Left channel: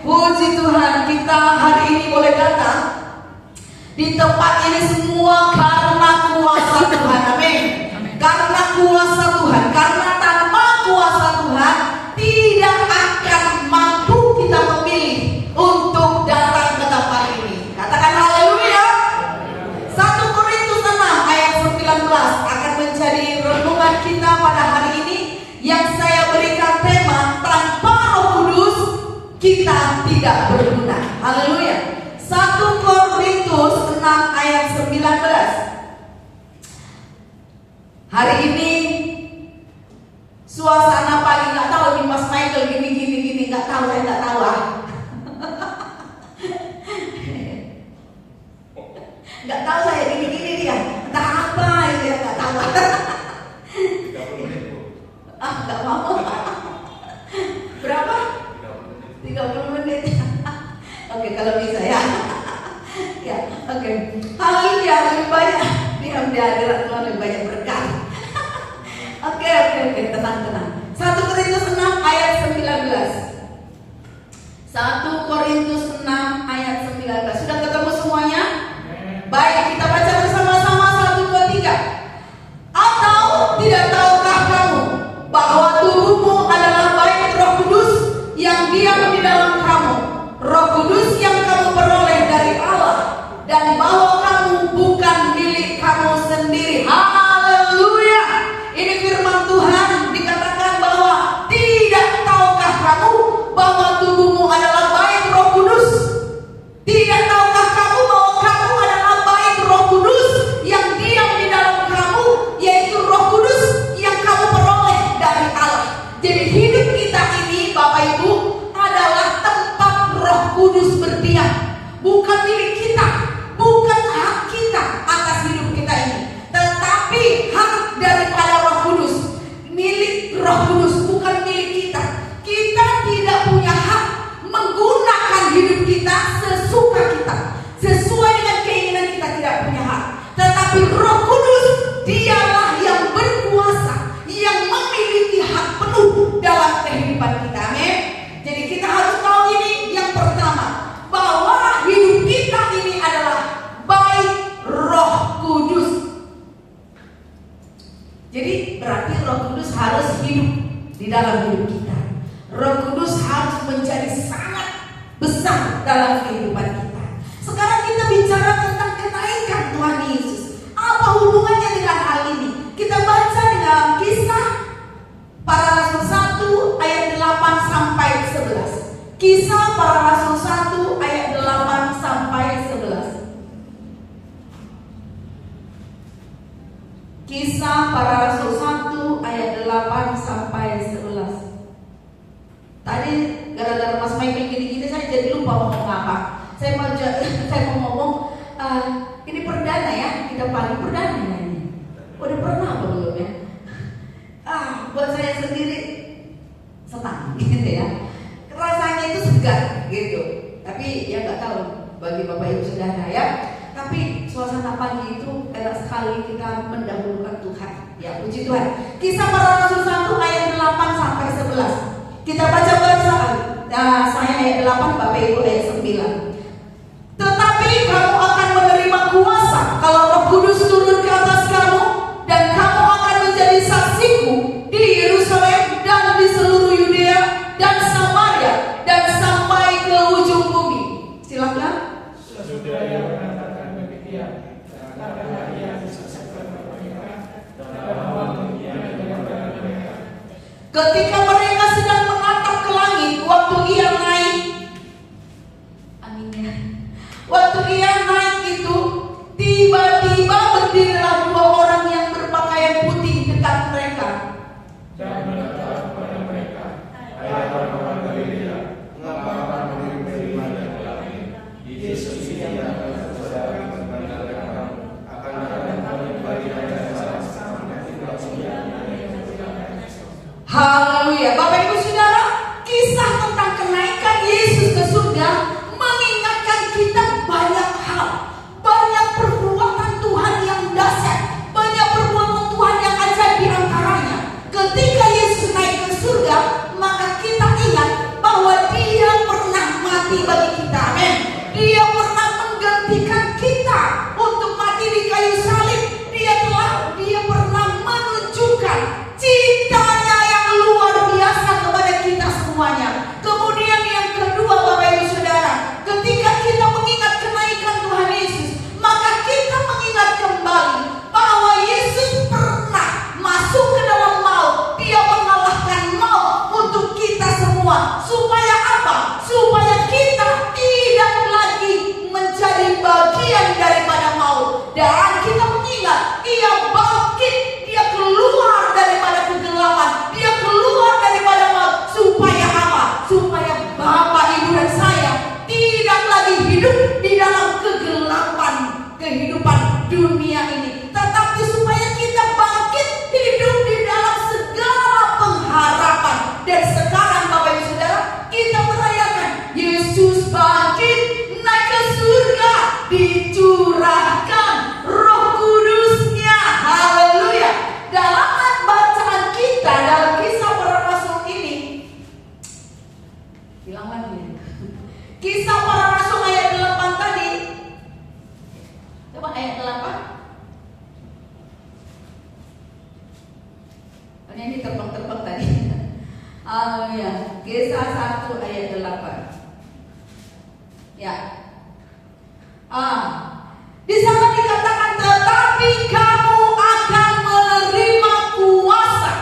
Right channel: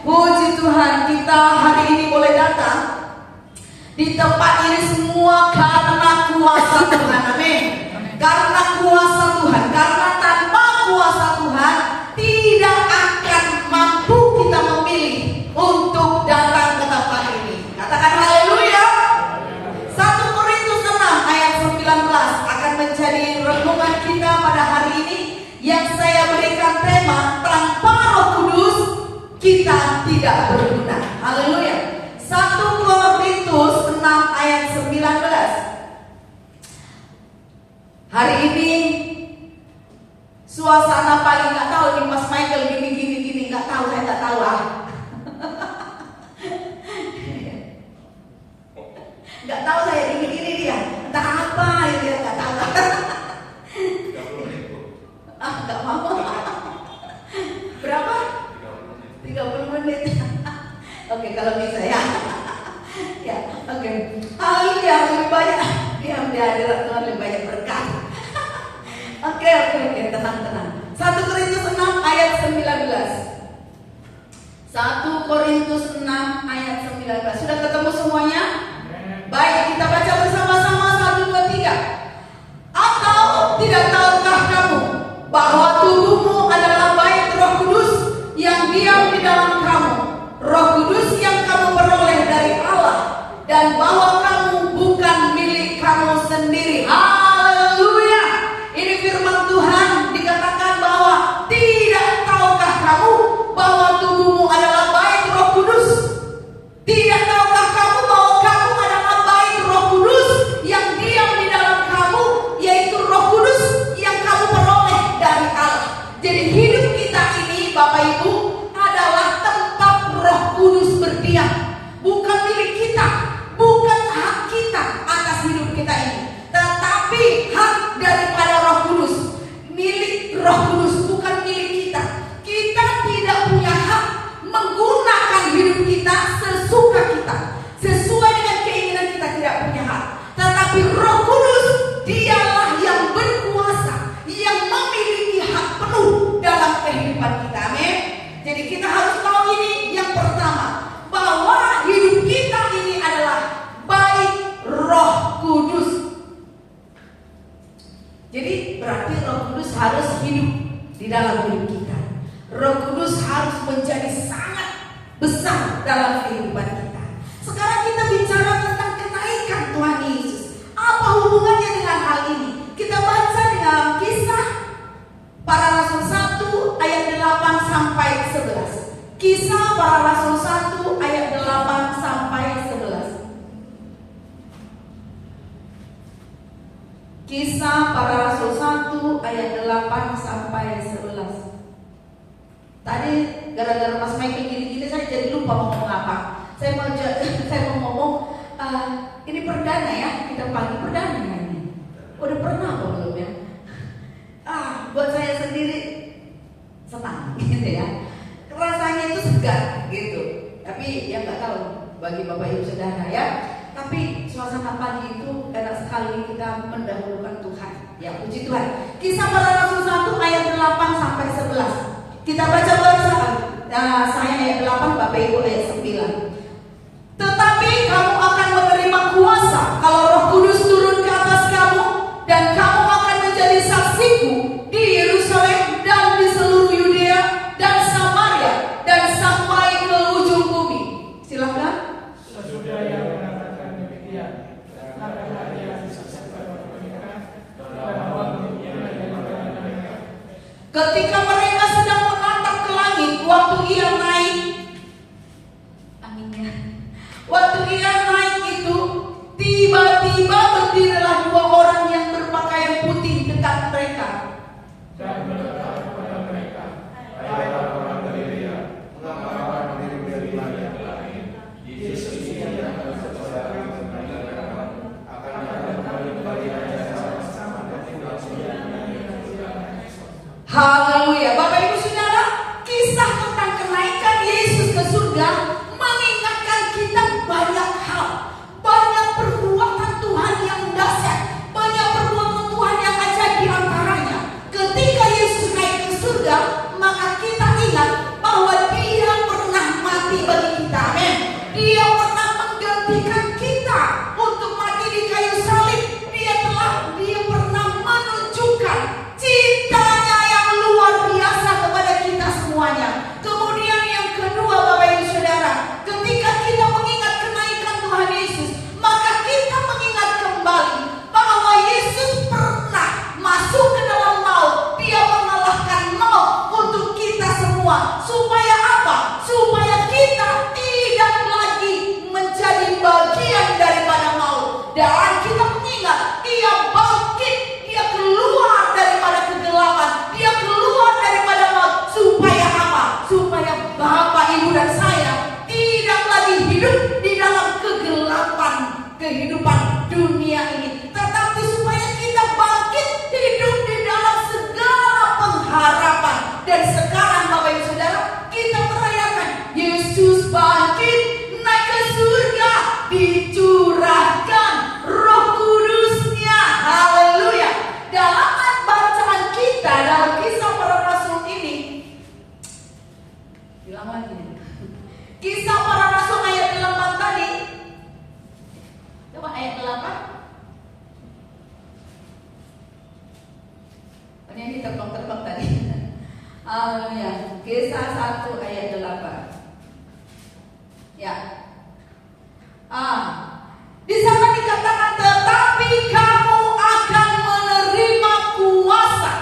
Puji Tuhan, kita hari ini boleh datang di tempat ini semua karena kuasa Tuhan. Amin. Karena kuasa Tuhan, karena tanpa kuasa Tuhan tidak akan mampu kita memilih untuk datang ke tempat ini. Katakan haleluya. 1 Korintus 6 ayat 19 akan menjadi renungan kita pada hari ini, yang saya berikan tema tanpa Roh Kudus kita tidak berguna. Haleluya. 1 Korintus 6 ayat 19. Hari ini suasana paling nggak tahu di Mas Michael gini nggak tahu, saya nggak tahu nggak tahu saya gini dia entah apa dia nggak tahu. 30 menit Bu. Nggak mau. Berapa? 30 menit. Oke, kalau bisa ya. Ya, oke. Haleluya, lebih banyak dia udah ada Tuhan, lebih banyak berkat. Oke, tenang. 1 Korintus 6 ayat 19. 1 Korintus 6 ayat 19. Sudah ketemu semuanya? Baik, kita baca bersama-sama 1, 2, 3. Atau tidak tahukah kamu bahwa tubuhmu adalah bait Roh Kudus yang diam di dalam kamu, Roh Kudus yang kamu peroleh dari Allah, dan bahwa kamu bukan milik kamu sendiri. Haleluya. Ini firman Tuhan, dikatakan bahwa tidak tahukah kamu bahwa tubuhmu adalah bait Roh Kudus. Tidak tahukah kamu bahwa kamu adalah bait Roh Kudus yang diam di dalam kamu, yaitu Roh Kudus yang kamu peroleh dari Allah. Jadi hidup kita ini Bapak Ibu adalah tempat Roh Kudus berdiam. Bukan milik kita, bukan hak kita atas hidup kita ini, tetapi hak daripada Roh Kudus. Milik Roh Kudus, bukan milik kita. Kita tidak punya hak menggunakan hidup kita sesuka kita, sesuai dengan keinginan kita, tidak punya hak. Tetapi Roh Kudus, dialah yang berkuasa, yang memiliki hak penuh dalam kehidupan kita. Amin. Jadi kita harus tahu ini yang pertama, bahwa hidup kita ini adalah bait Roh Kudus. Jadi berarti Roh Kudus harus hidup di dalam hidup kita. Roh Kudus harus menjadi sangat besar dalam kehidupan kita. Sekarang kita bicara tentang kenaikan Tuhan Yesus. Apa hubungannya dengan hal ini? Kita baca di dalam Kisah Para Rasul 1 ayat 8 sampai 11. Kisah Para Rasul 1 ayat 8 sampai 11. Kisah Para Rasul 1 ayat 8 sampai 11. Tadi gara-gara Mas Michael gini-gini saya jadi lupa ngomong apa. Saya mau ngomong ini perdana ya, kita paling perdana ini. Udah pernah apa belum ya? Buat saya sendiri senang gitu ya. Rasanya itu segar gitu. Tapi ya nggak tahu bagi Bapak Ibu Saudara ya. Tapi suasana pagi itu enak sekali kita mendahulukan Tuhan. Ya puji Tuhan. Kisah Para Rasul 1 ayat 8 sampai 11. Kita baca bersama. Saya ayat 8, Bapak Ibu ayat 9. Tetapi kamu akan menerima kuasa kalau Roh Kudus turun ke atas kamu, dan kamu akan menjadi saksiku di Yerusalem dan di seluruh Yudea dan Samaria dan sampai ke ujung bumi. Silakan. Ketika mereka sedang menatap ke langit, waktu ia naik, angin ulang lagi. Kisah Para Rasul ayat 8 tadi. Coba ayat 8. Ini terbang-terbang tadi. Ya, Kisah 1 ayat 8. Ya. Di sana dikatakan, tetapi kamu akan menerima kuasa.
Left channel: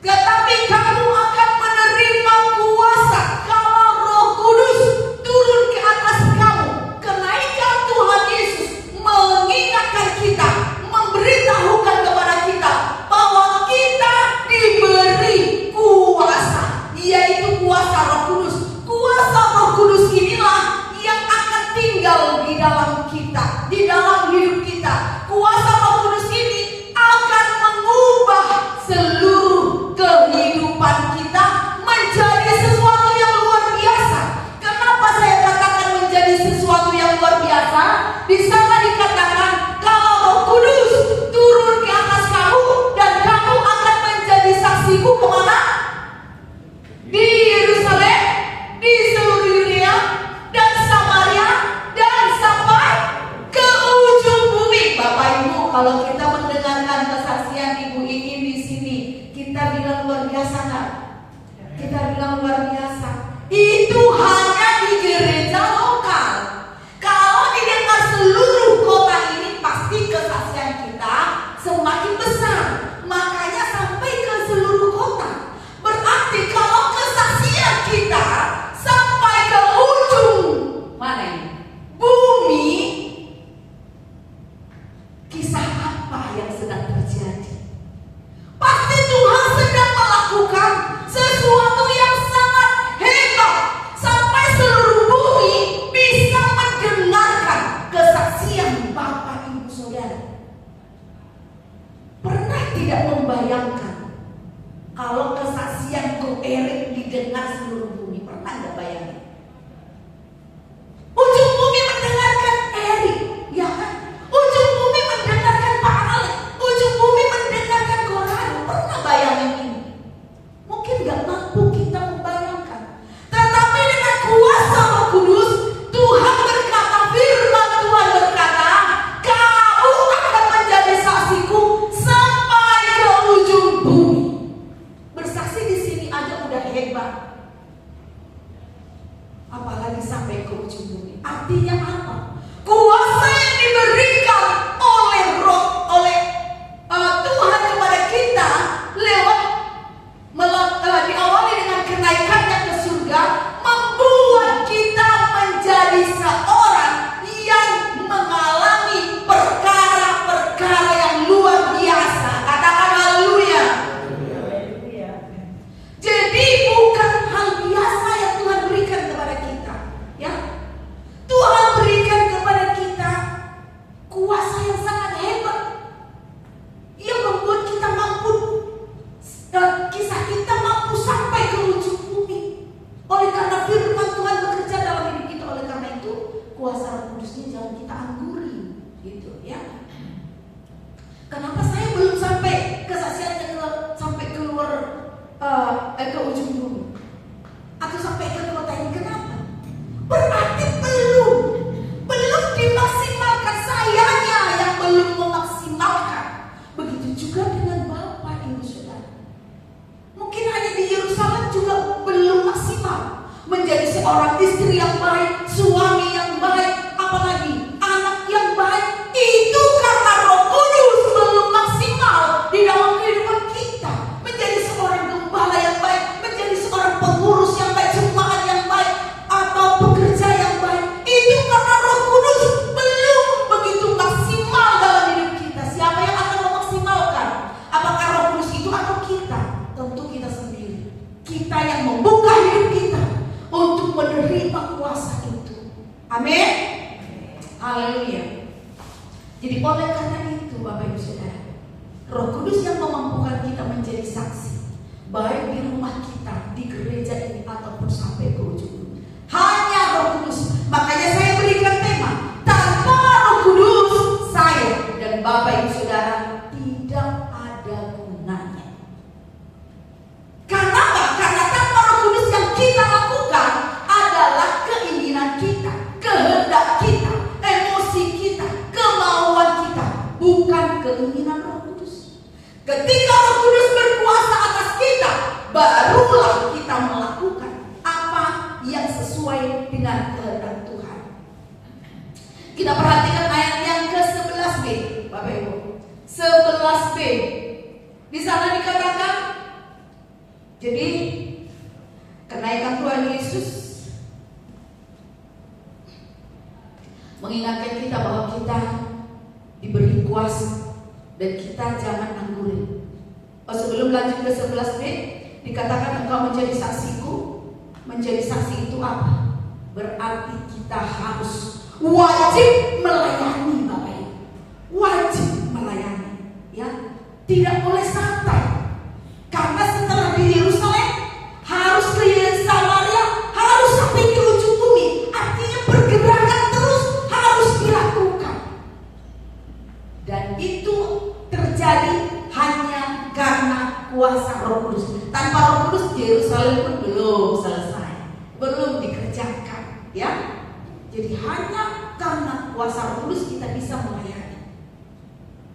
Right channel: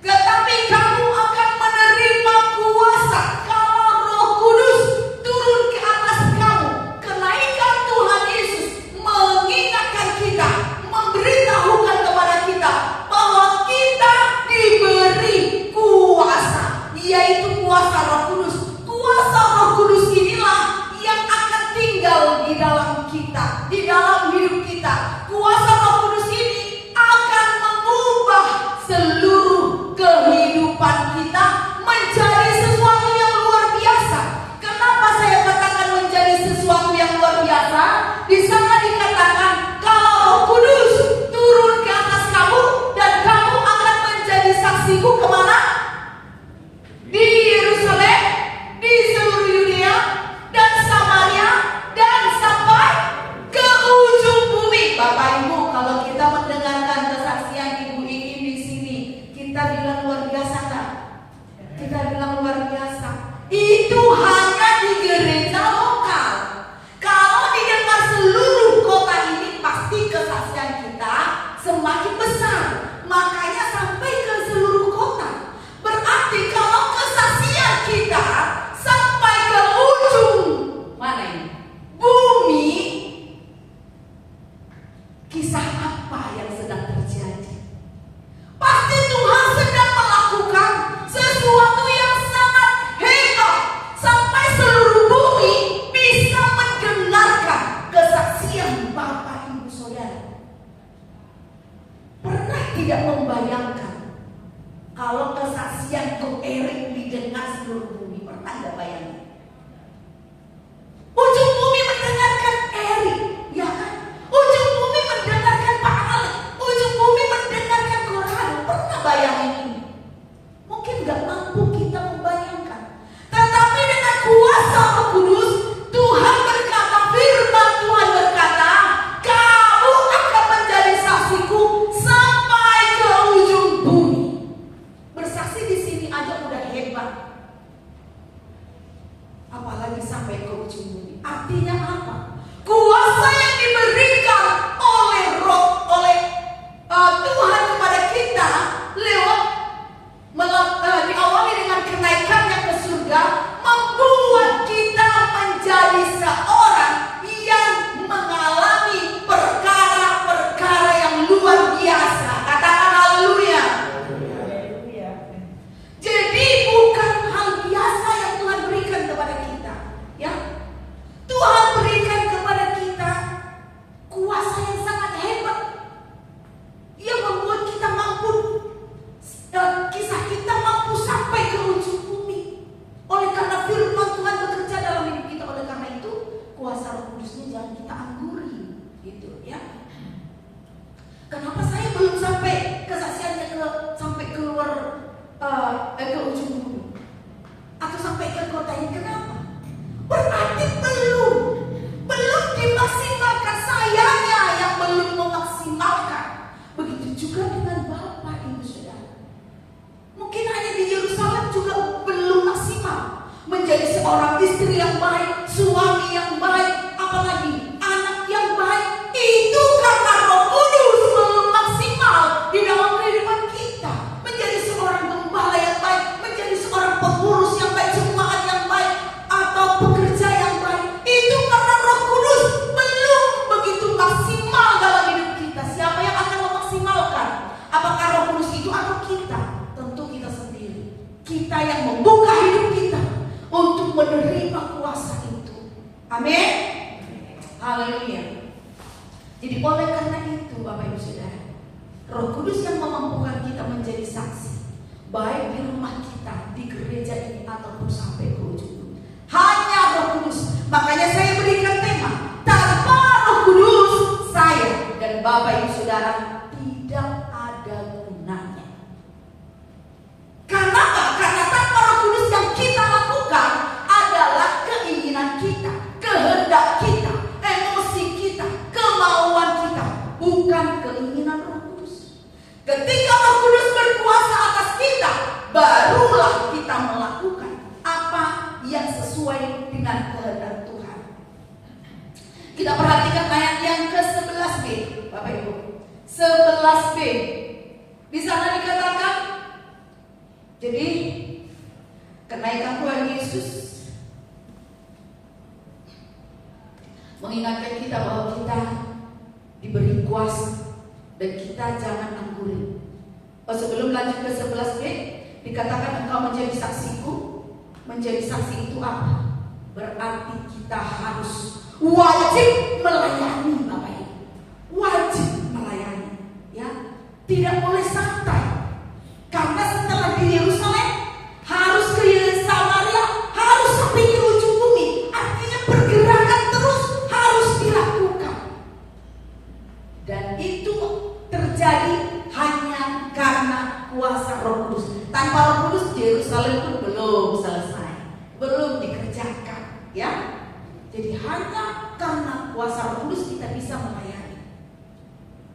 Tetapi kamu akan menerima kuasa kalau Roh Kudus turun ke atas kamu. Kenaikan Tuhan Yesus mengingatkan kita, memberitahukan kepada kita bahwa kita diberi kuasa, yaitu kuasa Roh Kudus. Kuasa Roh Kudus inilah yang akan tinggal di dalam kita, di dalam hidup kita. Kuasa Roh Kudus ini akan mengubah seluruh kehidupan kita menjadi sesuatu yang luar biasa. Kenapa saya katakan menjadi sesuatu yang luar biasa? Di sana dikatakan kalau Roh Kudus turun ke atas kamu dan kamu akan menjadi saksiku kemana? Di Yerusalem, di seluruh Yudea dan Samaria dan sampai ke ujung bumi. Bapak Ibu, kalau kita mendengarkan kesaksian Ibu Iin di sini, kita bilang luar biasa kan? Kita bilang luar biasa. Itu hanya di gereja lokal. Kalau didengar seluruh kota ini, pasti kesaksian kita semakin besar. Makanya sampai ke seluruh kota. Berarti kalau kesaksian kita sampai ke ujung mana ini? Bumi, kisah apa yang sedang terjadi? Pasti Tuhan sedang melakukan sesuatu yang sangat hebat sampai seluruh bumi bisa mendengarkan kesaksian Bapak Ibu Saudara. Pernah tidak membayangkan kalau kesaksian Ko Erik didengar seluruh bumi? Pernah nggak bayangin? Ujung bumi mendengarkan Erik, ya kan? Ujung bumi mendengarkan Pak Alex, ujung bumi mendengarkan Korado. Pernah bayangin ini? Mungkin nggak mampu kita membayangkan. Tetapi dengan kuasa Roh Kudus, Tuhan berkata, firman Tuhan berkata, kamu akan menjadi saksiku sampai ke ujung bumi. Bersaksi di sini aja udah hebat, apalagi sampai ke ujung bumi. Artinya apa? Kuasa yang diberikan oleh Roh, oleh Tuhan kepada kita lewat diawali dengan kenaikannya ke surga, membuat kita menjadi seorang yang mengalami perkara-perkara yang luar biasa. Katakan haleluya. Jadi bukan hal biasa yang Tuhan berikan kepada kita, ya. Tuhan berikan kepada kita kuasa yang sangat hebat, yang membuat kita mampu, kisah kita mampu sampai ke ujung bumi. Oleh karena firman Tuhan bekerja dalam hidup kita, oleh karena itu kuasa Roh Kudus ini jangan kita angguri, gitu ya. Kenapa saya belum sampai kesaksiannya sampai keluar ke ujung bumi atau sampai ke kota ini? Kenapa? Berarti belum dimaksimalkan. Sayanya yang belum memaksimalkan. Begitu juga dengan Bapak Ibu Saudara. Mungkin hanya di Yerusalem juga belum maksimal menjadi seorang istri yang baik, suami yang baik, apalagi anak yang baik. Itu karena Roh Kudus belum maksimal di dalam kehidupan kita. Menjadi seorang gembala yang baik, menjadi seorang pengurus yang baik, jemaat yang baik, atau pekerja yang baik. Itu karena Roh Kudus belum begitu maksimal dalam hidup kita. Siapa yang akan memaksimalkan? Apakah Roh Kudus itu atau kita? Tentu kita sendiri. Kita yang membuka hidup kita untuk menerima kuasa itu. Amin. Haleluya. Jadi oleh karena itu Bapak Ibu Saudara, Roh Kudus yang memampukan kita menjadi saksi, baik di rumah kita, di gereja ini, ataupun sampai ke ujung. Hanya Roh Kudus. Makanya saya berikan tema, tanpa Roh Kudus saya dan Bapak Ibu Saudara tidak ada gunanya. Karena apa? Karena tanpa Roh Kudus yang kita lakukan, sesuai dengan kehendak Tuhan. Kita perhatikan ayat yang ke-11b, Bapak Ibu. 11b. Di sana dikatakan, jadi kenaikan Tuhan Yesus mengingatkan kita bahwa kita diberi kuasa dan kita jangan angkurin. Sebelum lanjut ke 11b, dikatakan engkau menjadi saksiku. Menjadi saksi itu apa? Berarti kita harus wajib melayani, Bapak Ibu. Wajib melayani, ya. Tidak boleh santai. Karena setelah di Yerusalem harus ke Samaria, harus sampai ke ujung bumi. Artinya pergerakan terus harus dilakukan. Dan itu terjadi hanya karena kuasa Roh Kudus. Tanpa Roh Kudus, Yerusalem pun belum selesai, belum dikerjakan, ya. Jadi hanya karena kuasa Roh Kudus kita bisa melayani.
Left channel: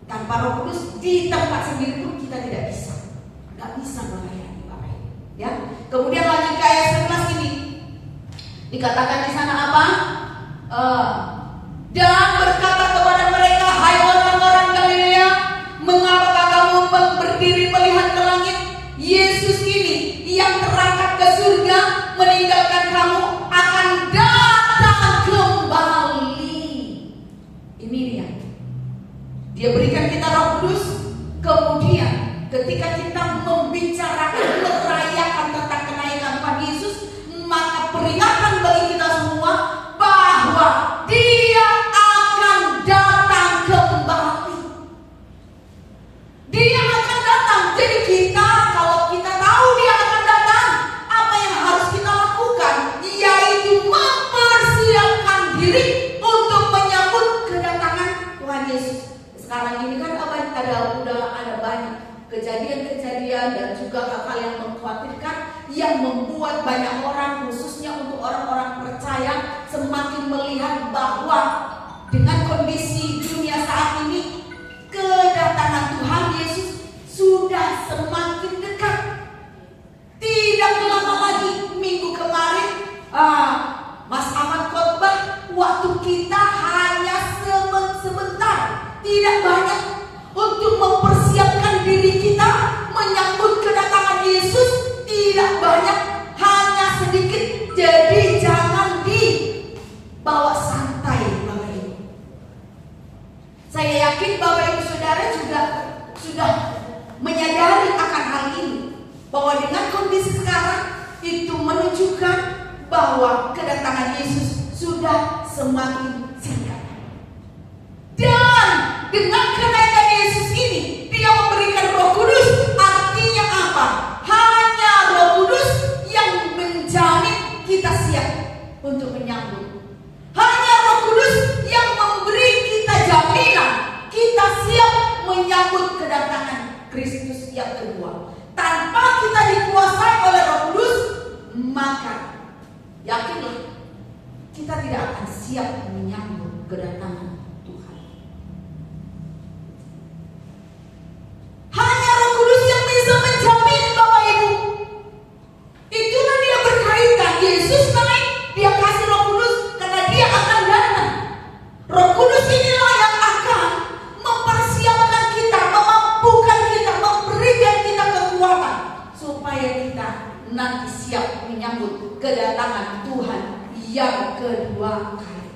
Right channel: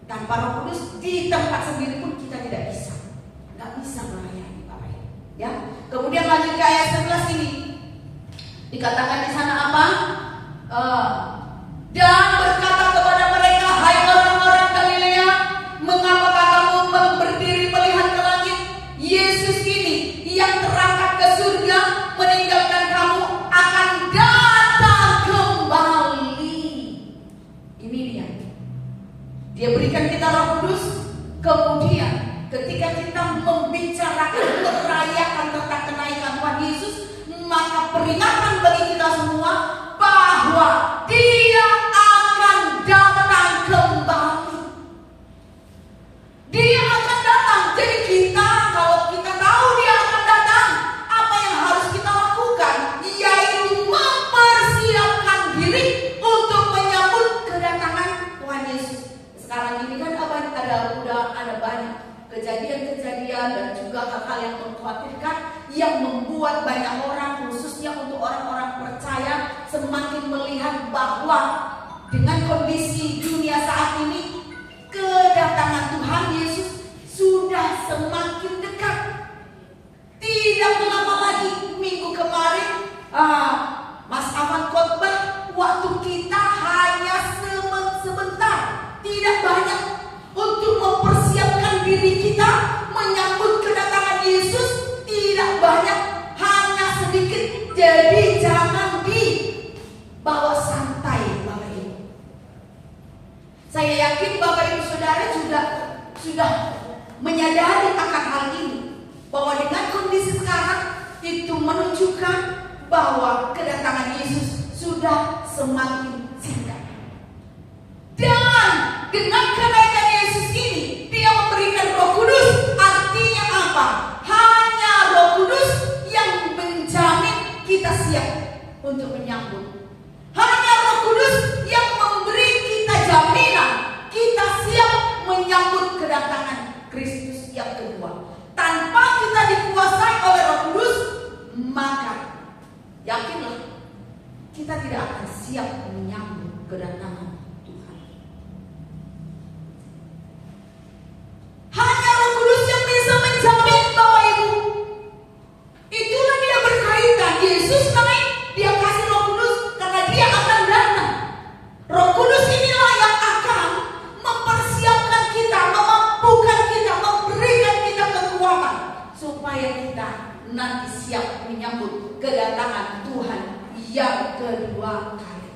Tanpa Roh Kudus di tempat sendiri pun kita tidak bisa, nggak bisa melayani, Bapak. Ya. Kemudian lanjut ke ayat 11 ini, dikatakan di sana apa? Dan berkata kepada mereka, hai orang-orang Galilea, mengapa kamu berdiri melihat ke langit? Yesus ini yang terangkat ke surga meninggalkan kamu akan datang kembali. Ini dia berikan kita Roh Kudus. Kemudian ketika kita membicarakan, merayakan tentang kenaikan Tuhan Yesus, maka peringatan bagi kita semua bahwa Dia akan datang kembali. Dia akan datang. Jadi kita, kalau kita tahu Dia akan datang, apa yang harus kita lakukan? Yaitu mempersiapkan diri untuk menyambut kedatangan Tuhan Yesus. Sekarang ini kan udah ada banyak kejadian-kejadian dan juga hal-hal yang mengkhawatirkan, yang membuat banyak orang, khususnya untuk orang-orang percaya, semakin melihat bahwa dengan kondisi dunia saat ini, kedatangan Tuhan Yesus sudah semakin dekat. Tidak lama lagi, minggu kemarin Mas Ahmad khotbah, waktu kita hanya sebentar, tidak banyak untuk mempersiapkan diri kita menyambut kedatangan Yesus. Tidak banyak, hanya sedikit. Jadi jangan dibawa santai, Bapak Ibu. Saya yakin Bapak Ibu Saudara juga sudah menyadari akan hal ini, bahwa dengan kondisi sekarang itu menunjukkan bahwa kedatangan Yesus sudah semakin singkat. Dan dengan kenaikan Yesus ini, Dia memberikan Roh Kudus. Artinya apa? Hanya Roh Kudus yang menjamin kita siap untuk menyambut. Hanya Roh Kudus yang memberi kita jaminan kita siap menyambut kedatangan Kristus yang kedua. Tanpa kita dikuasai oleh Roh Kudus, maka yakinlah kita tidak akan siap menyambut kedatangan Tuhan. Hanya Roh Kudus yang bisa menjamin, Bapak Ibu. Itulah dia berkaitan. Yesus naik, Dia kasih Roh Kudus karena Dia akan datang. Roh Kudus inilah yang akan mempersiapkan kita, memampukan kita, memberikan kita kekuatan supaya kita nanti siap menyambut kedatangan Tuhan yang kedua kali.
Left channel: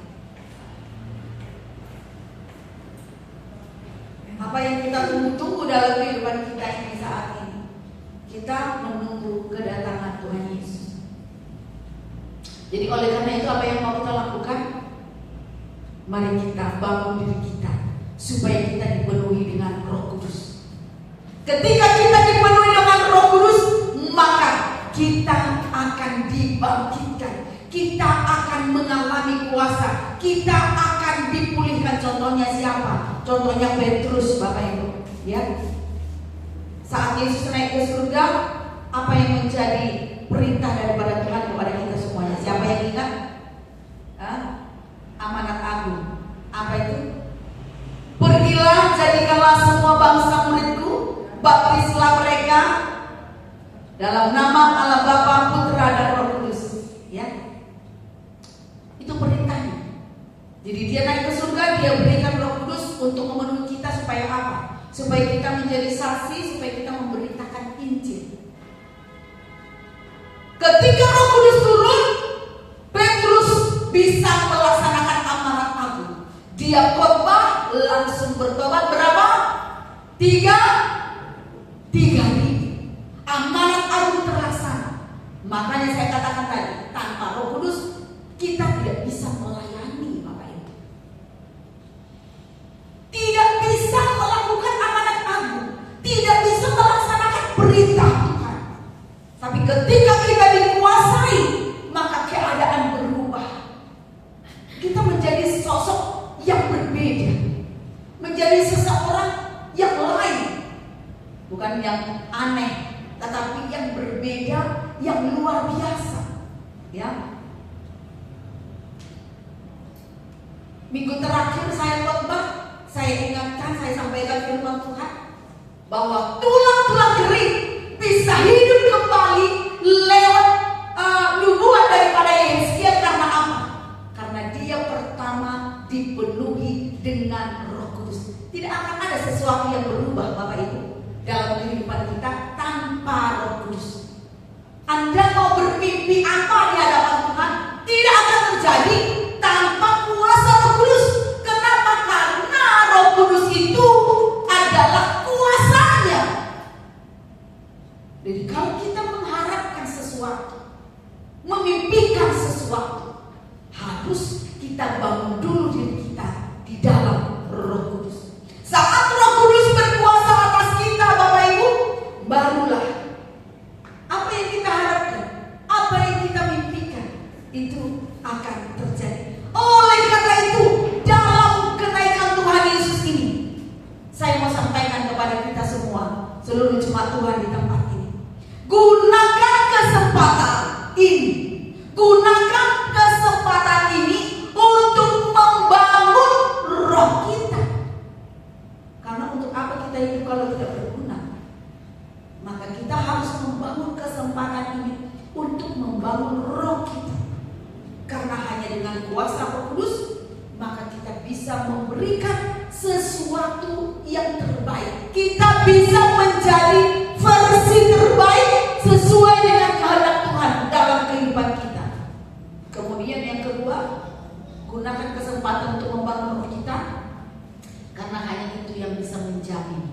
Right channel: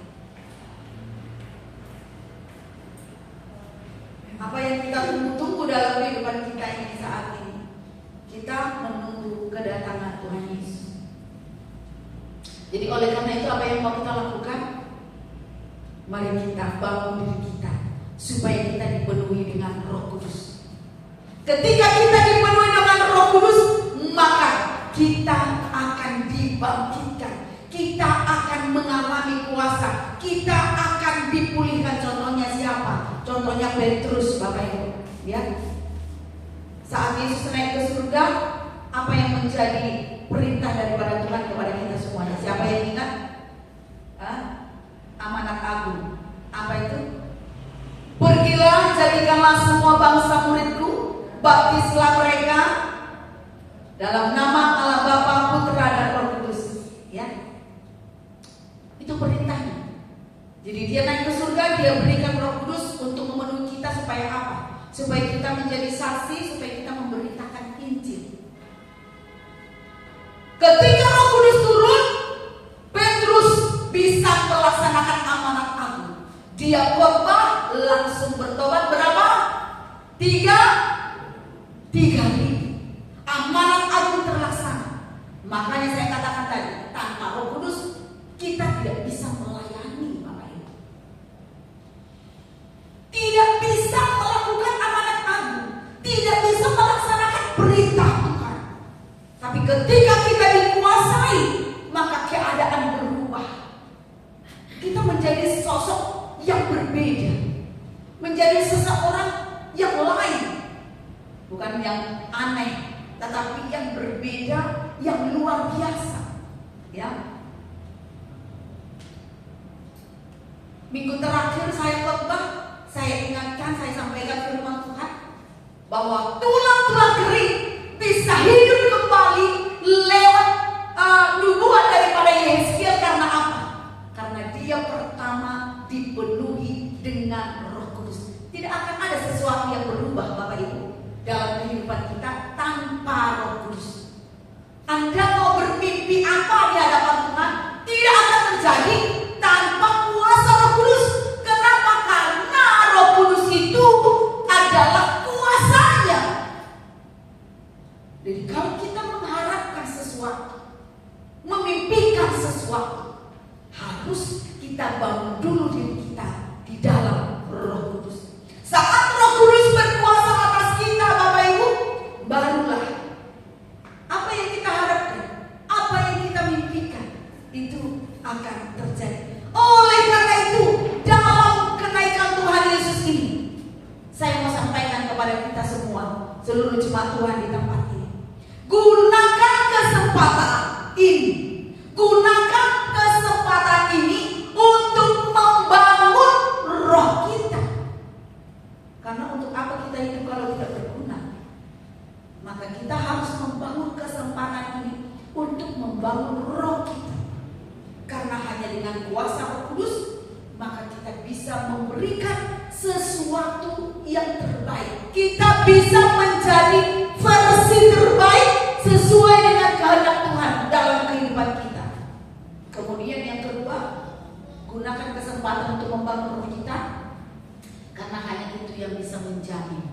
Apa yang kita tunggu-tunggu dalam kehidupan kita ini saat ini? Kita menunggu kedatangan Tuhan Yesus. Jadi oleh karena itu, apa yang mau kita lakukan? Mari kita bangun diri kita supaya kita dipenuhi dengan Roh Kudus. Ketika kita dipenuhi dengan Roh Kudus, maka kita akan dibangkitkan. Kita akan mengalami kuasa. Kita akan dipulihkan. Contohnya siapa? Contohnya Petrus, Bapak Ibu. Ya. Saat Yesus naik ke surga, apa yang menjadi perintah daripada Tuhan kepada kita semuanya? Siapa yang ingat? Amanat agung. Apa itu? Pergilah, jadikanlah semua bangsa muridku, baptislah mereka dalam nama Allah Bapa, Putra dan Roh Kudus. Ya. Jadi dia naik ke surga, dia berikan Roh Kudus untuk memenuhi kita supaya apa? Supaya kita menjadi saksi, supaya kita memberitakan Injil. Ketika Roh Kudus turun, Petrus bisa melaksanakan amanat agung. Dia khotbah langsung bertobat berapa? 3.000. Amanat agung terlaksana. Makanya saya katakan tadi, tanpa Roh Kudus kita tidak bisa melayani Bapak Ibu. Tidak bisa melakukan amanat agung, tidak bisa melaksanakan perintah Tuhan. Tapi ketika kita dikuasai, maka keadaan berubah. Kita menjadi sosok yang berbeda, menjadi seseorang yang lain, bukan yang aneh, tetapi yang berbeda, yang luar biasa. Ya. Minggu terakhir saya khotbah, saya ingatkan, saya sampaikan firman Tuhan bahwa tulang-tulang kering bisa hidup kembali lewat nubuat daripada Yesaya. Karena apa? Karena dia pertama dipenuhi dengan Roh Kudus. Tidak akan ada sesuatu yang berubah Bapak Ibu dalam kehidupan kita tanpa Roh Kudus. Anda mau bermimpi apa di hadapan Tuhan, tidak akan terjadi tanpa kuasa Roh Kudus. Kenapa? Karena Roh Kudus itu adalah kuasanya. Jadi kalau kita mengharapkan sesuatu, memimpikan sesuatu, harus kita bangun dulu diri kita di dalam Roh Kudus. Saat Roh Kudus berkuasa atas kita Bapak Ibu, barulah apa yang kita harapkan, apa yang kita mimpikan, itu akan terjadi. Oleh karena itu, dalam kenaikan Tuhan Yesus ini, saya mau sampaikan kepada kita semua, seluruh jemaat Tuhan di tempat ini, gunakan kesempatan ini, gunakan kesempatan ini untuk membangun roh kita. Karena untuk apa kita hidup kalau tidak berguna? Maka kita harus membangun kesempatan ini untuk membangun roh kita. Karena hanya dengan kuasa Roh Kudus, maka kita bisa memberikan sesuatu yang terbaik. Kita bisa menjadi versi terbaik sesuai dengan kehendak Tuhan dalam kehidupan kita. Kemudian yang kedua, gunakan kesempatan untuk membangun roh kita. Karena hanya itu yang bisa menjamin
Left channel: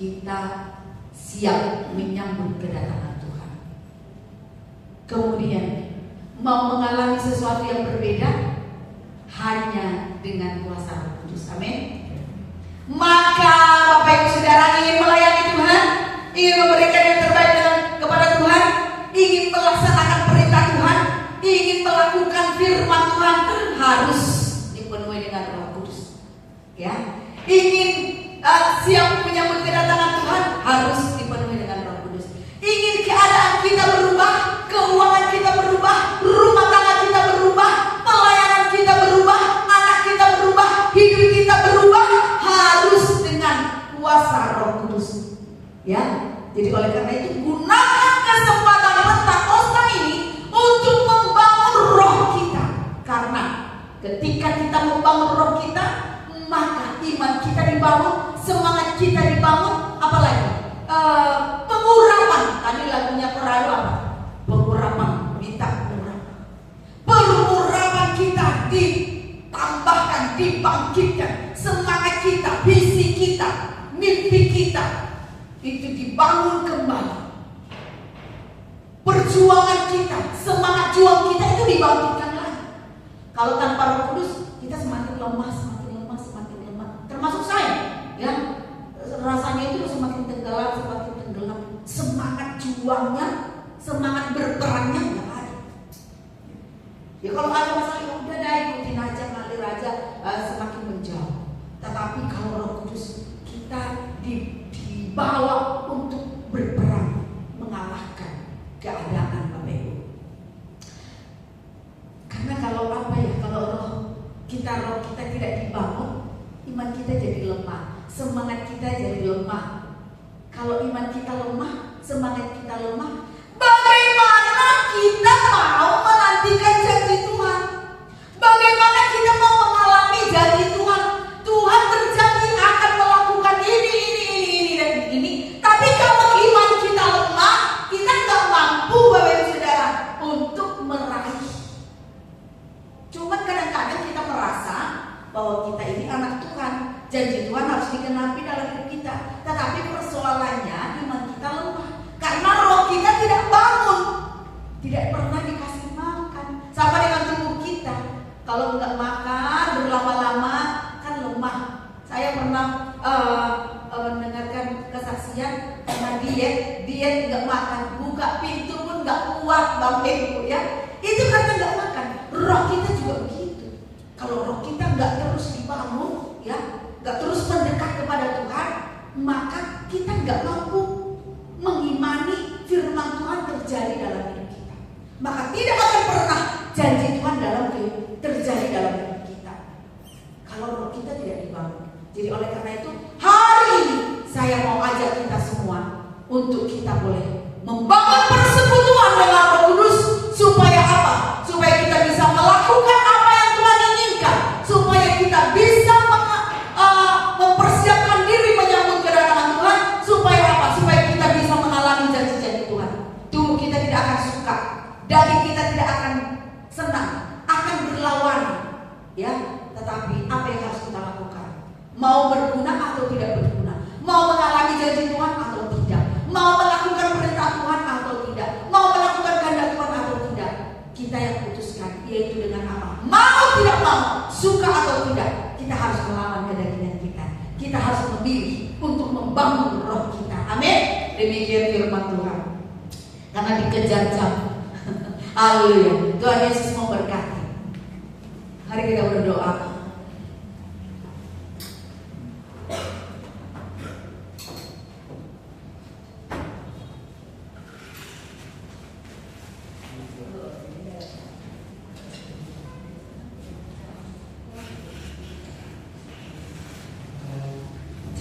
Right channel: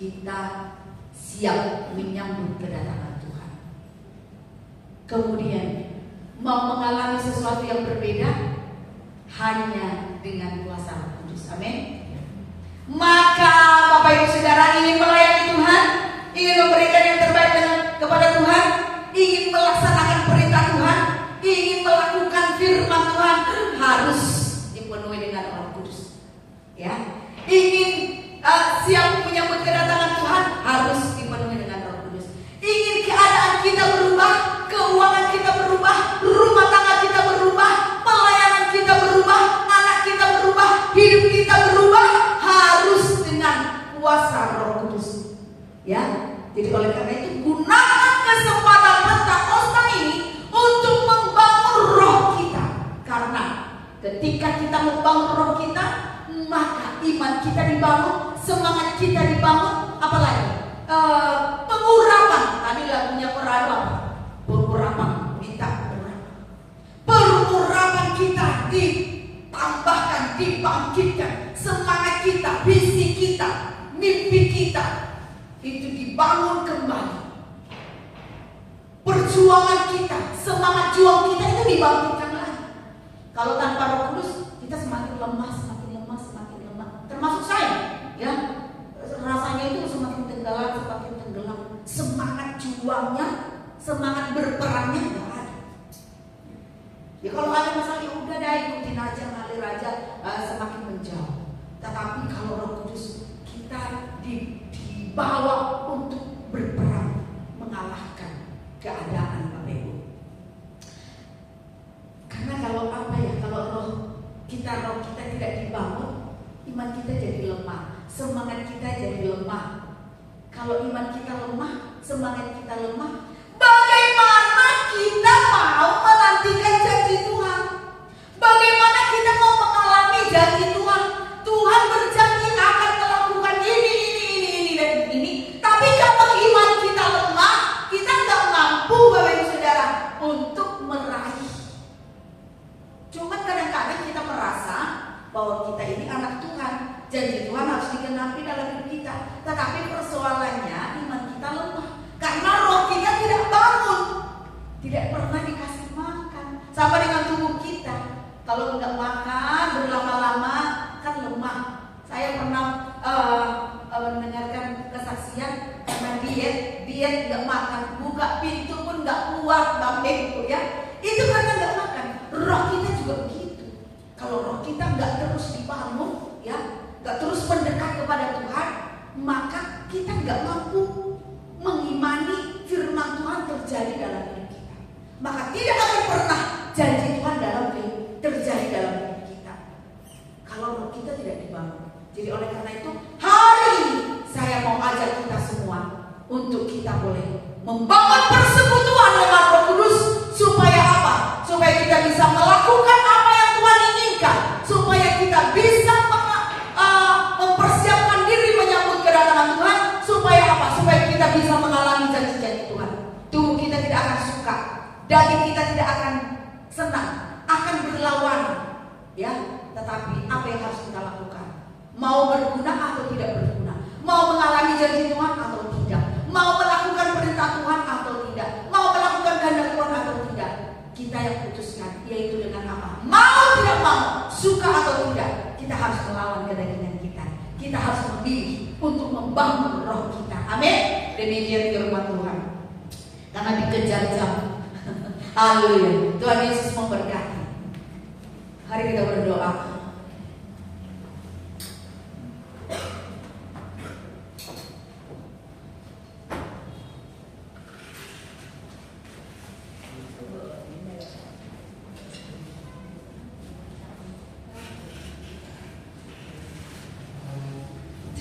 kita siap menyambut kedatangan Tuhan. Kemudian mau mengalami sesuatu yang berbeda hanya dengan kuasa Roh Kudus. Amin. Maka Bapak Ibu Saudara ingin melayani Tuhan, ingin memberikan yang terbaik kepada Tuhan, ingin melaksanakan perintah Tuhan, ingin melakukan firman Tuhan, harus dipenuhi dengan Roh Kudus. Ya, ingin siap menyambut kedatangan Tuhan, harus dipenuhi dengan Roh Kudus. Ingin keadaan kita berubah, keuangan kita berubah, rumah tangga kita berubah, pelayanan kita berubah, anak kita berubah, hidup kita berubah, harus dengan kuasa Roh Kudus. Ya, jadi oleh karena itu gunakan kesempatan Pentakosta ini untuk membangun roh kita. Karena ketika kita membangun roh kita, maka iman kita dibangun, semangat kita dibangun, apalagi pengurapan. Tadi lagunya Korado apa? Pengurapan, minta pengurapan. Pengurapan kita ditambahkan, dibangkitkan, semangat kita, visi kita, mimpi kita itu dibangun kembali. Perjuangan kita, semangat juang kita itu dibangkitkan lagi. Kalau tanpa Roh Kudus, kita semakin lemah, semakin lemah, semakin lemah. Termasuk saya, ya, rasanya itu semakin tenggelam, semakin tenggelam. Semangat juangnya, semangat berperannya nggak ada. Ya kalau ada masalah, ya udah dah ikutin aja, ngalir aja, semakin menjauh. Tetapi kalau Roh Kudus, kita dibawa untuk berperang, mengalahkan keadaan Bapak Ibu. Karena kalau roh kita tidak dibangun, iman kita jadi lemah, semangat kita jadi lemah. Kalau iman kita lemah, semangat kita lemah, bagaimana kita mau menantikan janji Tuhan? Bagaimana kita mau mengalami janji Tuhan. Tuhan berjanji akan melakukan ini, dan ini. Tapi kalau iman kita lemah, kita nggak mampu, Bapak Ibu Saudara, untuk meraih. Cuman kadang-kadang kita merasa bahwa kita ini anak Tuhan, janji Tuhan harus digenapi dalam hidup kita. Tetapi persoalannya iman kita lemah, karena roh kita tidak bangun, tidak pernah dikasih makan. Sama dengan tubuh kita, kalau nggak makan berlama-lama kan lemah. Saya pernah mendengarkan kesaksian karena diet nggak makan, buka pintu pun nggak kuat, Bang Ibu ya. Itu karena nggak makan. Roh kita juga begitu. Kalau roh kita nggak terus dibangun, ya, nggak terus mendekat kepada Tuhan, maka kita nggak mampu mengimani firman Tuhan terjadi dalam hidup kita. Maka tidak akan pernah janji Tuhan terjadi dalam hidup kita kalau roh kita tidak dibangun. Jadi oleh karena itu hari ini saya mau ajak kita semua untuk kita boleh membangun persekutuan dengan Roh Kudus. Supaya apa? Supaya kita bisa melakukan apa yang Tuhan inginkan, supaya kita bisa mempersiapkan diri menyambut kedatangan Tuhan. Supaya apa? Supaya kita bisa mengalami janji-janji Tuhan. Tubuh kita tidak akan suka, daging kita tidak akan senang, akan berlawanan, ya. Tetapi apa yang harus kita lakukan? Mau berguna atau tidak berguna? Mau mengalami janji Tuhan atau tidak? Mau melakukan perintah Tuhan atau tidak? Mau melakukan kehendak Tuhan atau tidak? Kita yang putuskan, yaitu dengan apa? Mau tidak mau, suka atau tidak, kita harus melawan kedagingan kita. Kita harus memilih untuk membangun roh kita. Amin. Demikian firman Tuhan. Karena dikejar jam. Haleluya. Tuhan Yesus memberkati. Mari kita berdoa.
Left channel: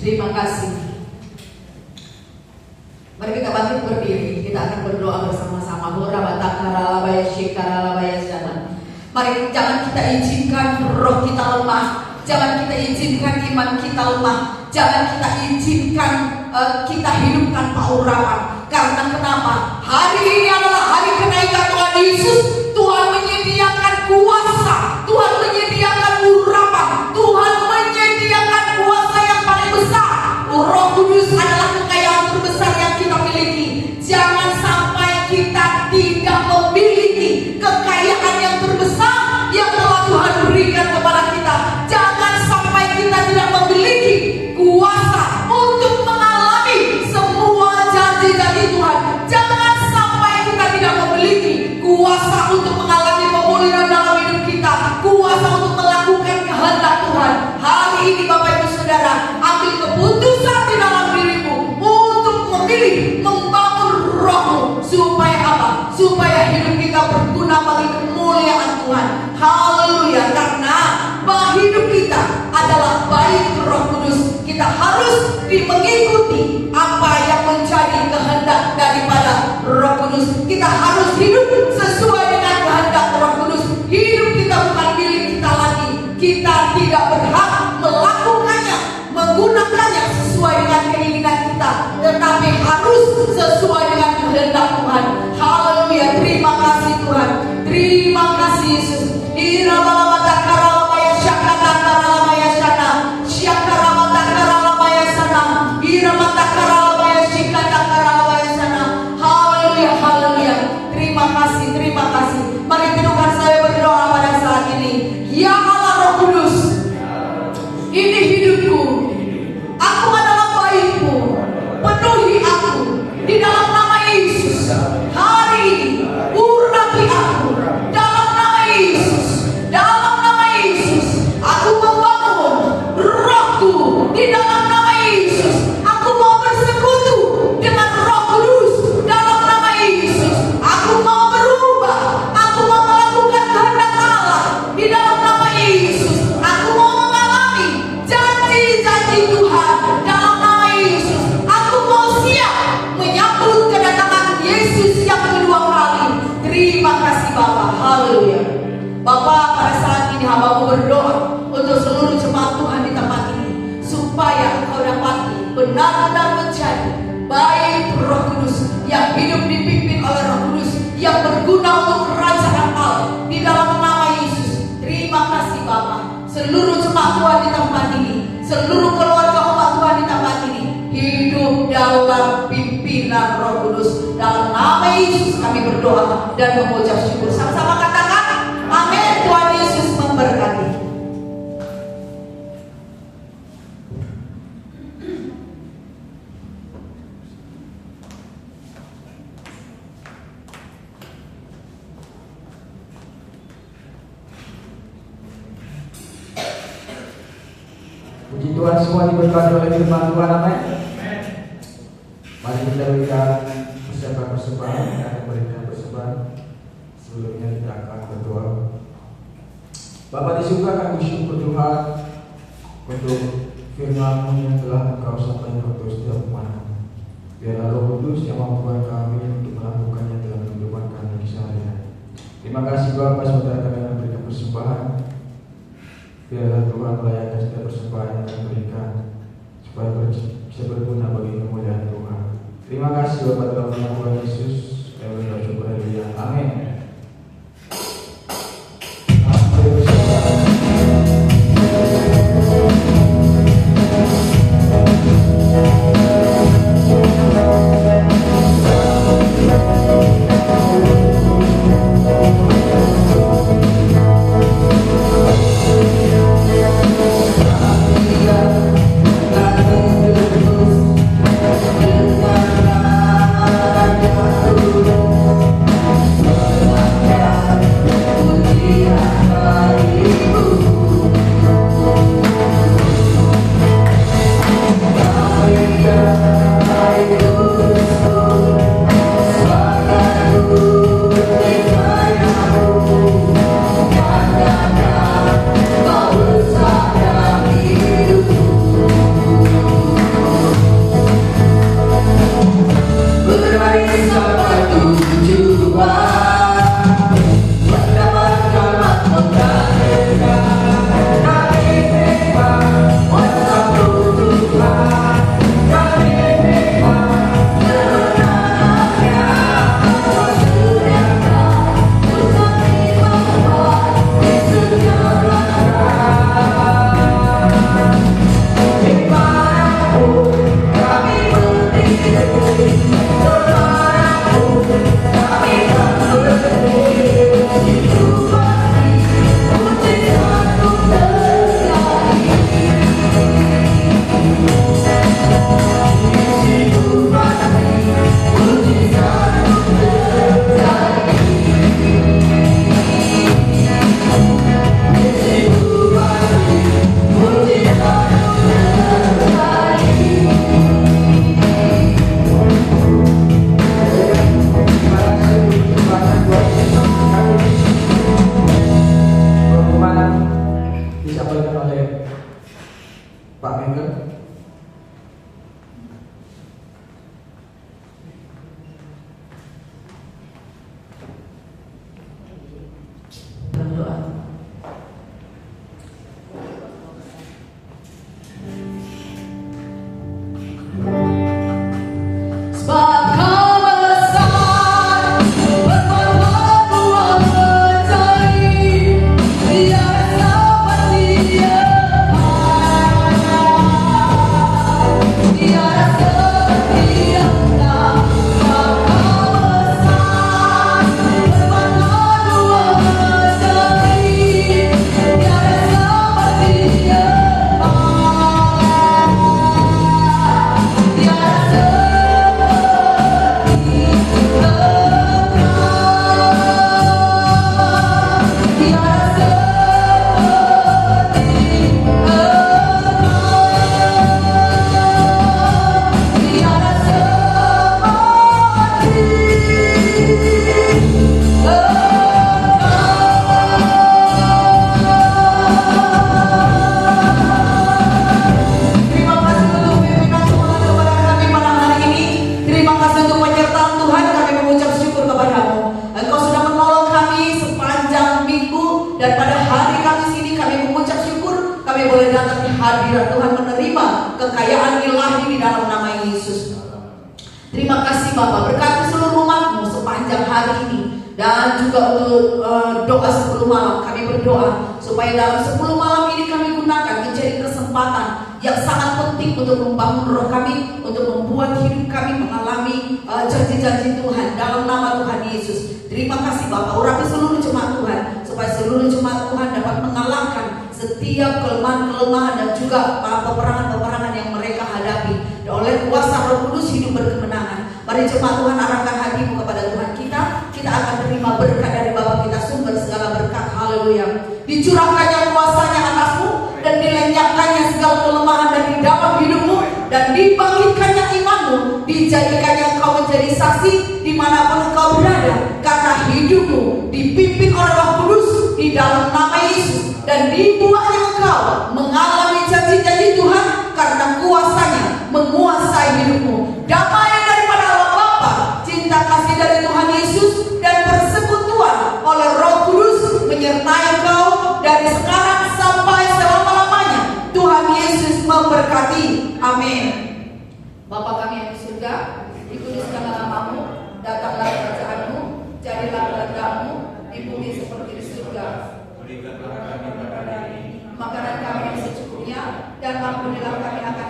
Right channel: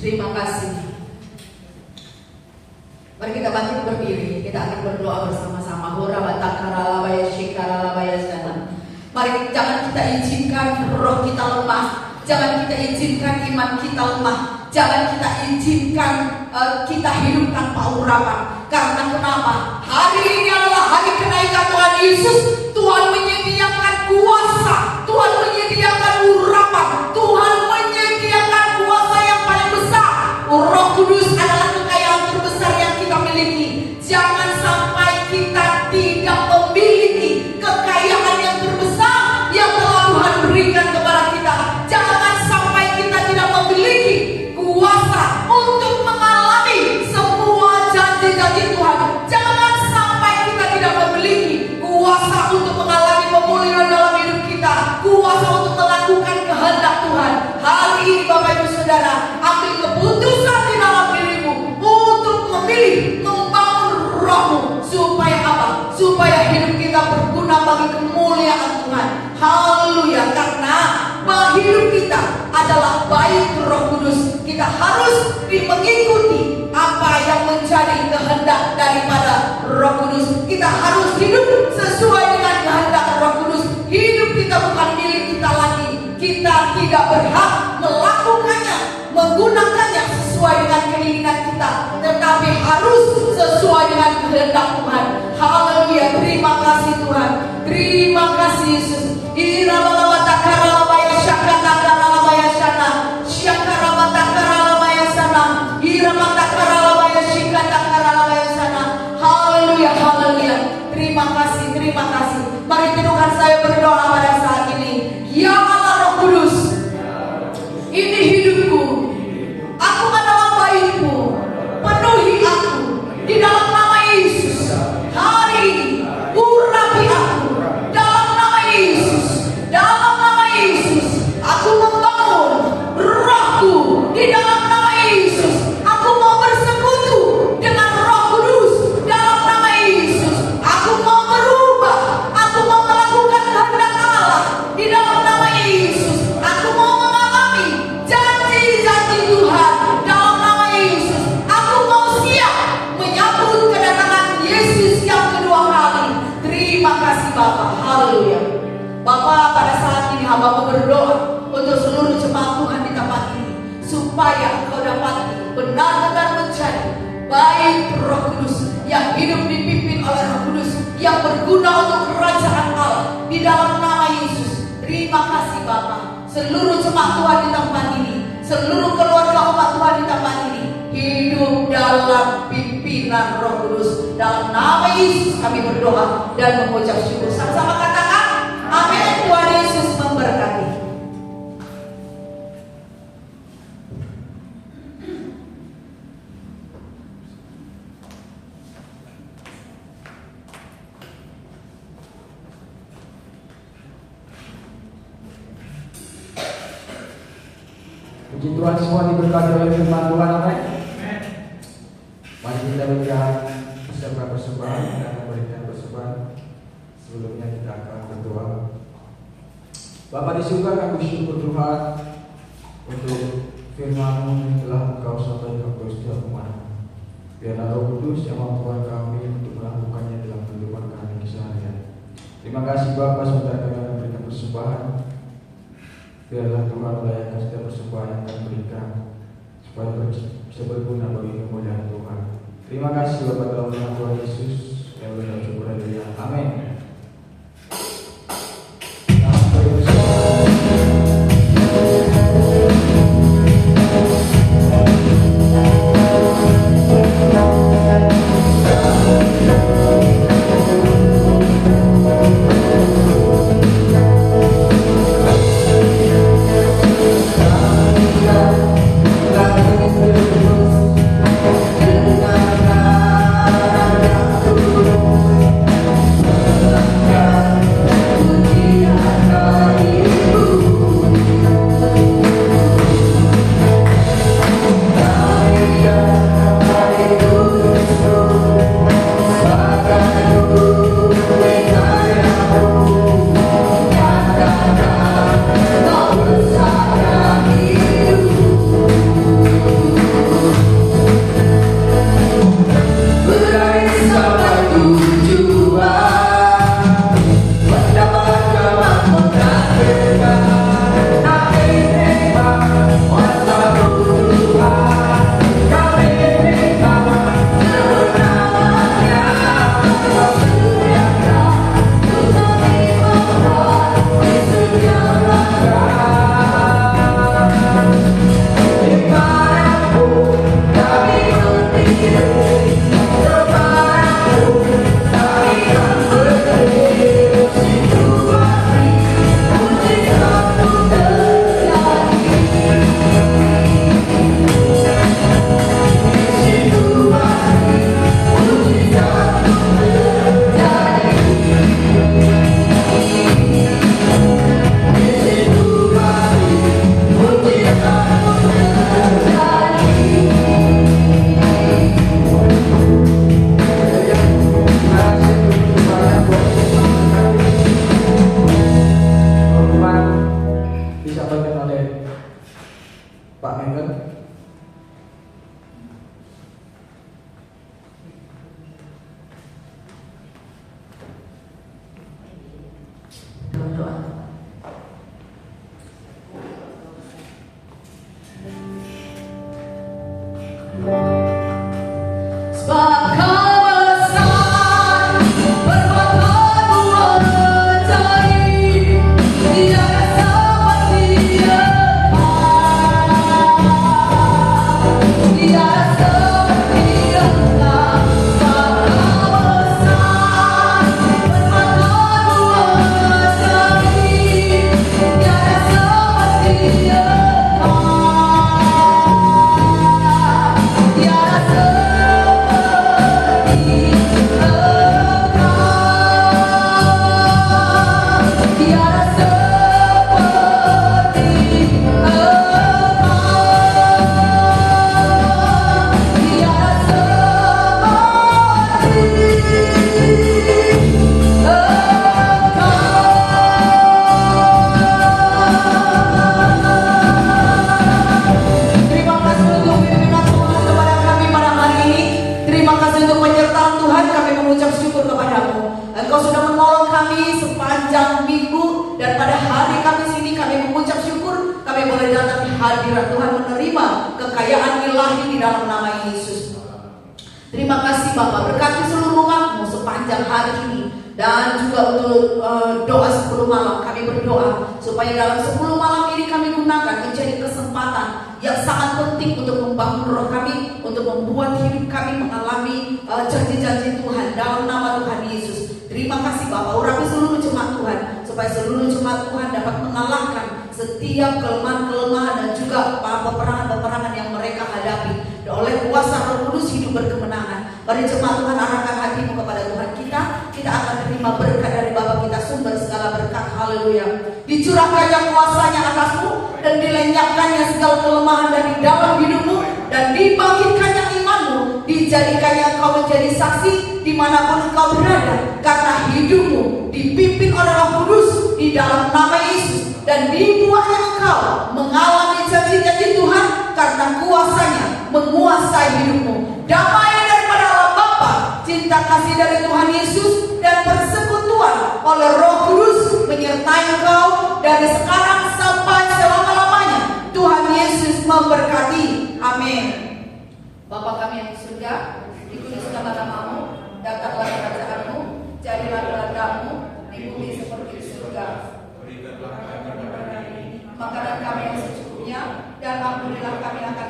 Terima kasih. Mari kita bangkit berdiri. Kita akan berdoa bersama-sama. Mari jangan kita izinkan roh kita lemah, jangan kita izinkan iman kita lemah, jangan kita izinkan kita hidup tanpa urapan. Karena kenapa? Hari ini adalah hari kenaikan Tuhan Yesus. Tuhan menyediakan kuasa, Tuhan menyediakan urapan, Tuhan menyediakan kuasa yang paling besar. Roh Kudus adalah kekayaan terbesar yang kita miliki. Jangan sampai kita tidak memiliki kekayaan yang terbesar yang telah Tuhan berikan kepada kita. Jangan sampai kita tidak memiliki kuasa untuk mengalami semua janji-janji Tuhan. Jangan sampai kita tidak memiliki kuasa untuk mengalami pemulihan dalam hidup kita, kuasa untuk melakukan kehendak Tuhan. Hari ini Bapak Ibu Saudara, ambil keputusan di dalam dirimu untuk memilih membangun rohmu. Supaya apa? Supaya hidup kita berguna bagi kemuliaan Tuhan. Haleluya. Karena hidup kita adalah baik Roh Kudus. Kita harus mengikuti apa yang menjadi kehendak daripada Roh Kudus. Kita harus hidup sesuai dengan kehendak Roh Kudus. Hidup kita bukan milik kita lagi. Kita tidak berhak melakukannya, menggunakannya sesuai dengan keinginan kita, tetapi harus sesuai dengan kehendak Tuhan. Haleluya. Terima kasih Tuhan. Terima kasih Yesus. Haleluya, haleluya. Terima kasih, terima kasih. Mari teduhkan saya berdoa pada saat ini. Ya Allah Roh Kudus, ini hidupku. Aku adalah bayi-Mu. Penuhi aku di dalam nama Yesus. Hari ini urapi aku dalam nama Yesus. Dalam nama Yesus, aku membangun rohku di dalam nama Yesus. Aku mau bersekutu dengan Roh Kudus dalam nama Yesus. Aku mau berubah. Aku mau melakukan kehendak Allah di dalam nama Yesus. Aku mau mengalami janji-janji Tuhan dalam nama Yesus. Aku mau siap menyambut kedatangan Yesus yang kedua kali. Terima kasih Bapak. Haleluya. Bapak, pada saat ini hamba-Mu berdoa untuk seluruh benar-benar menjadi baik Roh Kudus yang hidup dipimpin oleh Roh Kudus, yang berguna untuk kerajaan Allah di dalam nama Yesus. Terima kasih Bapa. Seluruh jemaat Tuhan di tempat ini, seluruh keluarga umat Tuhan di tempat ini hidup dalam pimpinan Roh Kudus. Dalam nama Yesus kami berdoa dan mengucap syukur. Sama-sama katakan amin. Tuhan Yesus memberkati. Puji Tuhan, semua diberkati oleh firman Tuhan. Amin. Mari kita lihat persiapkan persembahan dan memberikan persembahan. Sebelumnya kita akan berdoa. Bapa di surga, kami bersyukur Tuhan untuk firman-Mu yang telah Engkau sampaikan kepada setiap umat. Biarlah Roh Kudus yang membuat kami untuk melakukannya dalam kehidupan kami sehari-hari. Terima kasih Bapa sudah dengan memberikan persembahan. Biarlah Tuhan melayani setiap persembahan yang kami berikan supaya bisa berguna bagi kemuliaan Tuhan. Terima kasih Bapa dalam nama Tuhan Yesus. Kami bersyukur. Haleluya. Amin. Amin. kekayaan ilahi di dalam nama Yesus. Terima kasih Bapak, berkati seluruh umat-Mu sepanjang hari ini. Dan juga untuk doa 10 malam, kami berdoa supaya dalam 10 malam ini kami gunakan menjadi kesempatan yang sangat penting untuk membangun roh kami, untuk membuat hidup kami mengalami janji-janji Tuhan dalam nama Tuhan Yesus. Terima kasih Bapak, urapi seluruh jemaat Tuhan, supaya seluruh jemaat Tuhan dapat mengalahkan setiap kelemahan-kelemahan dan juga peperangan-peperangan yang mereka hadapi. Dan oleh kuasa Roh Kudus hidup berkemenangan. Mari jemaat Tuhan, arahkan hatimu kepada Tuhan kita. Kita akan terima berkat dari Bapa kita, sumber segala berkat. Haleluya. Dicurahkannya kuasanya atasmu dan dilenyapkannya segala kelemahan dari dalam hidupmu, dan dibangkitkannya imanmu, dijadikannya engkau menjadi saksi dimanapun engkau berada, karena hidupmu dipimpin oleh Roh Kudus di dalam nama Yesus, dan dibuatnya engkau mengalami janji-janji Tuhan karena kuasanya menguasai hidupmu. Damai daripada Allah Bapa, cinta kasih dari Tuhan Yesus, dan persekutuan oleh Roh Kudus menyertai engkau dari sekarang sampai selama-lamanya. Tuhan Yesus memberkati. Amin. Bapa kami yang di surga, dikuduskanlah namamu, datanglah kerajaanmu, jadilah kehendakmu di bumi seperti di surga. Berikanlah kami pada hari ini Makanan kami yang secukupnya, dan ampunilah kami akan